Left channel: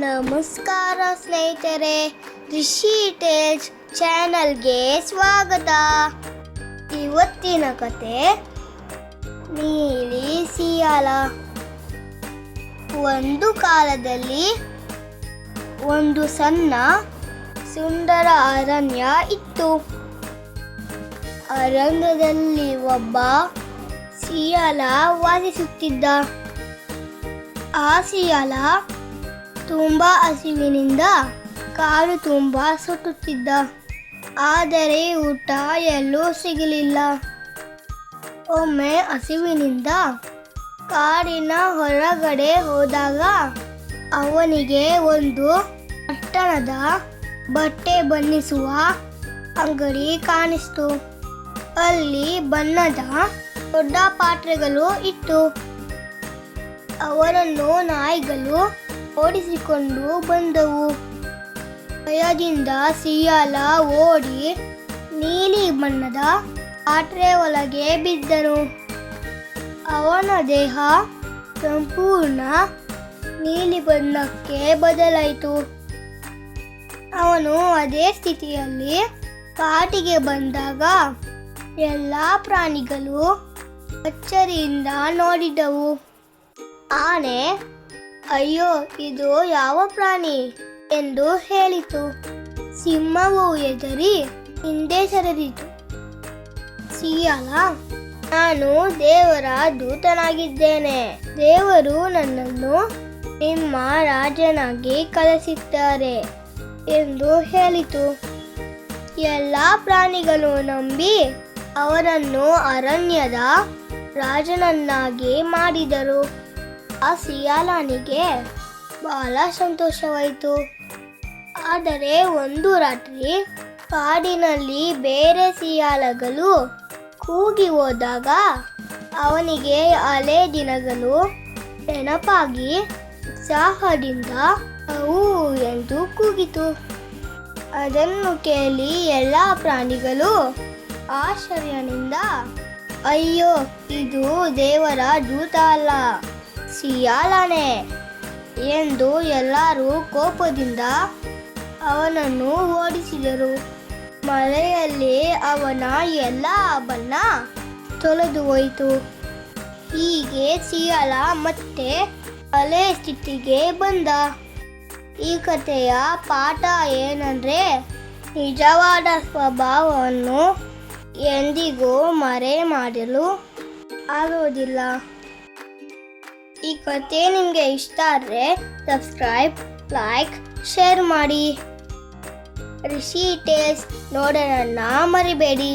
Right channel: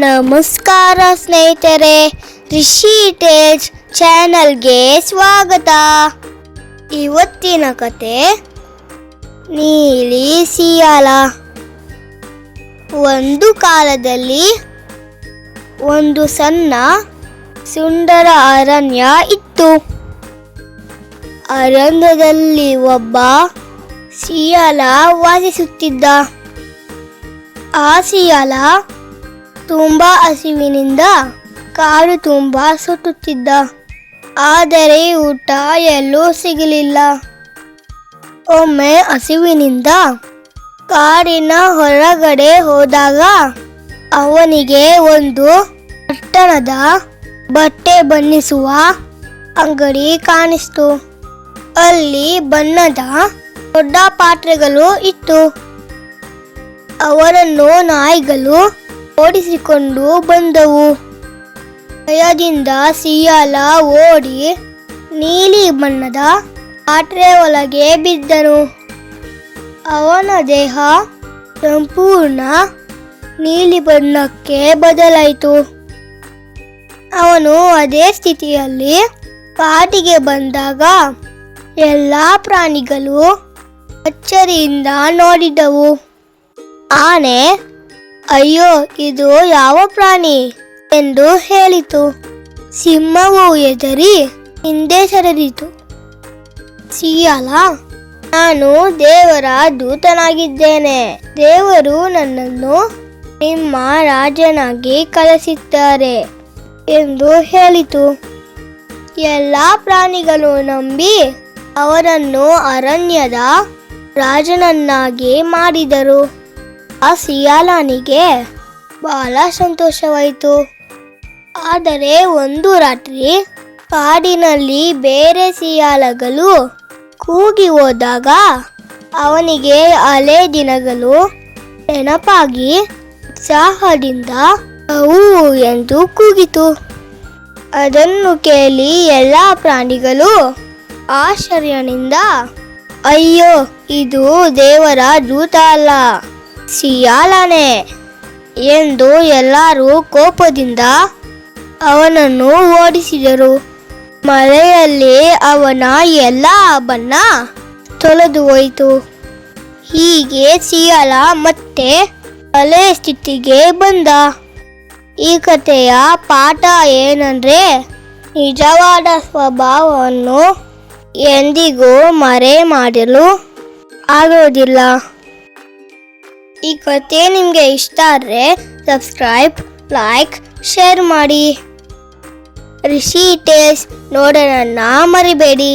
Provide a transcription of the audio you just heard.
ನಮಸ್ಕಾರ ಸ್ನೇಹಿತರೆ, ರಿಷಿ ಟೇಲ್ಸ್ ಚಾನಲ್ಗೆ ಸ್ವಾಗತ. ಇವತ್ತಿನ ಕತೆ ನೀಲಿ ಸಿಯಾಲ. ಒಂದು ಕಾಲದಲ್ಲಿ ಒಂದು ಸಣ್ಣ ಸುಂದರ ಅರಣ್ಯ ಇತ್ತು. ಅರಣ್ಯದಲ್ಲಿ ಒಬ್ಬ ಸಿಯಾಲ ವಾಸಿಸುತ್ತಿದ್ದ. ಆ ಸಿಯಾಲ ತುಂಬಾ ಹಸಿವಿನಿಂದ ಕಾಡು ತುಂಬಾ ಸುತ್ತುತ್ತಿದ್ದ. ಆದರೆ ಊಟ ಎಲ್ಲೂ ಸಿಗಲಿಲ್ಲ. ಒಮ್ಮೆ ಹಸಿವಿನಿಂದ ಕಾಡಿನ ಹೊರಗಡೆ ಹೋದಾಗ ಅವನಿಗೆ ಒಂದು ಪಟ್ಟಣದ ಬಟ್ಟೆ ಬಣ್ಣಿಸುವ ಅಂಗಡಿ ಕಾಣಿಸ್ತು. ಅಲ್ಲಿ ಬಣ್ಣದ ದೊಡ್ಡ ಪಾತ್ರೆಗಳು ಇತ್ತು. ಅವರನ್ನು ನಾಯಿಗಳು ಓಡಿಸಿಕೊಂಡು ಬಂದವು. ಭಯದಿಂದ ಸಿಯಾಲ ಓಡಿ ನೀಲಿ ಬಣ್ಣದ ಪಾತ್ರೆ ಒಳಗೆ ಬಿದ್ದನು. ಅವನ ದೇಹ ಸಂಪೂರ್ಣ ನೀಲಿ ಬಣ್ಣಕ್ಕೆ ಬದಲಾಯಿತು. ಅವನು ಅದೇ ಸ್ಥಿತಿಯಲ್ಲಿ ಕಾಡಿಗೆ ಬಂದಾಗ ಎಲ್ಲಾ ಪ್ರಾಣಿಗಳು ಅಚ್ಚರಿಯಿಂದ ನೋಡಿದವು. ಆನೆ, ಅಯ್ಯೋ, ಇದು ಯಾವ ಪ್ರಾಣಿ ಎಂದು ಹೇಳಿತು. ಸಿಂಹವು ಹೆದರಿ ಹಿಂದೆ ಸರಿದಿತು. ಸಿಯಾಲ, ನಾನು ದೇವರ ದೂತನಾಗಿದ್ದೇನೆ. ದೇವರು ನನ್ನನ್ನು ನಿಮ್ಮ ರಾಜನಾಗಿ ಕಳಿಸಿದ್ದಾರೆ ಎಂದು ಹೇಳಿತು. ಎಲ್ಲ ಪ್ರಾಣಿಗಳು ನಂಬಿ ಅವರನ್ನು ಅರಣ್ಯದ ರಾಜನನ್ನಾಗಿ ಮಾಡಿದರು. ಆ ಸಿಯಾಲನಿಗೆ ಬಹಳ ಸಂತೋಷವಾಯಿತು. ಆದರೆ ಒಂದು ರಾತ್ರಿ ಕಾಡಿನಲ್ಲಿ ಬೇರೆ ಸಿಯಾಲಗಳು ಕೂಗಿ ಹೋದಾಗ ಅವನಿಗೆ ಹಳೆ ದಿನಗಳು ನೆನಪಾಗಿ ಉತ್ಸಾಹದಿಂದ ಅವು ಎಂದು ಕೂಗಿತು. ಅದನ್ನು ಕೇಳಿ ಎಲ್ಲ ಪ್ರಾಣಿಗಳು ಆಶ್ಚರ್ಯದಿಂದ, ಅಯ್ಯೋ, ಇದು ದೇವರ ದೂತ ಅಲ್ಲ, ಸಿಯಾಲನೇ ಎಂದು ಎಲ್ಲರೂ ಕೋಪದಿಂದ ಅವನನ್ನು ಓಡಿಸಿದರು. ಮಳೆಯಲ್ಲಿ ಅವನ ಎಲ್ಲ ಬಣ್ಣ ತೊಳೆದು ಹೋಯಿತು. ಹೀಗೆ ಸಿಯಾಲ ಮತ್ತೆ ಹಳೆಯ ಸ್ಥಿತಿಗೆ ಬಂದ. ಈ ಕಥೆಯ ಪಾಠ ಏನಂದ್ರೆ, ನಿಜವಾದ ಸ್ವಭಾವವನ್ನು ಎಂದಿಗೂ ಮರೆ ಮಾಡಲು ಆಗೋದಿಲ್ಲ. ಈ ಕಥೆ ನಿಮಗೆ ಇಷ್ಟ ಆದರೆ ಸಬ್ಸ್ಕ್ರೈಬ್, ಲೈಕ್, ಶೇರ್ ಮಾಡಿ. ರಿಷಿ ಟೇಲ್ಸ್ ನೋಡೋಣ ಮರಿಬೇಡಿ.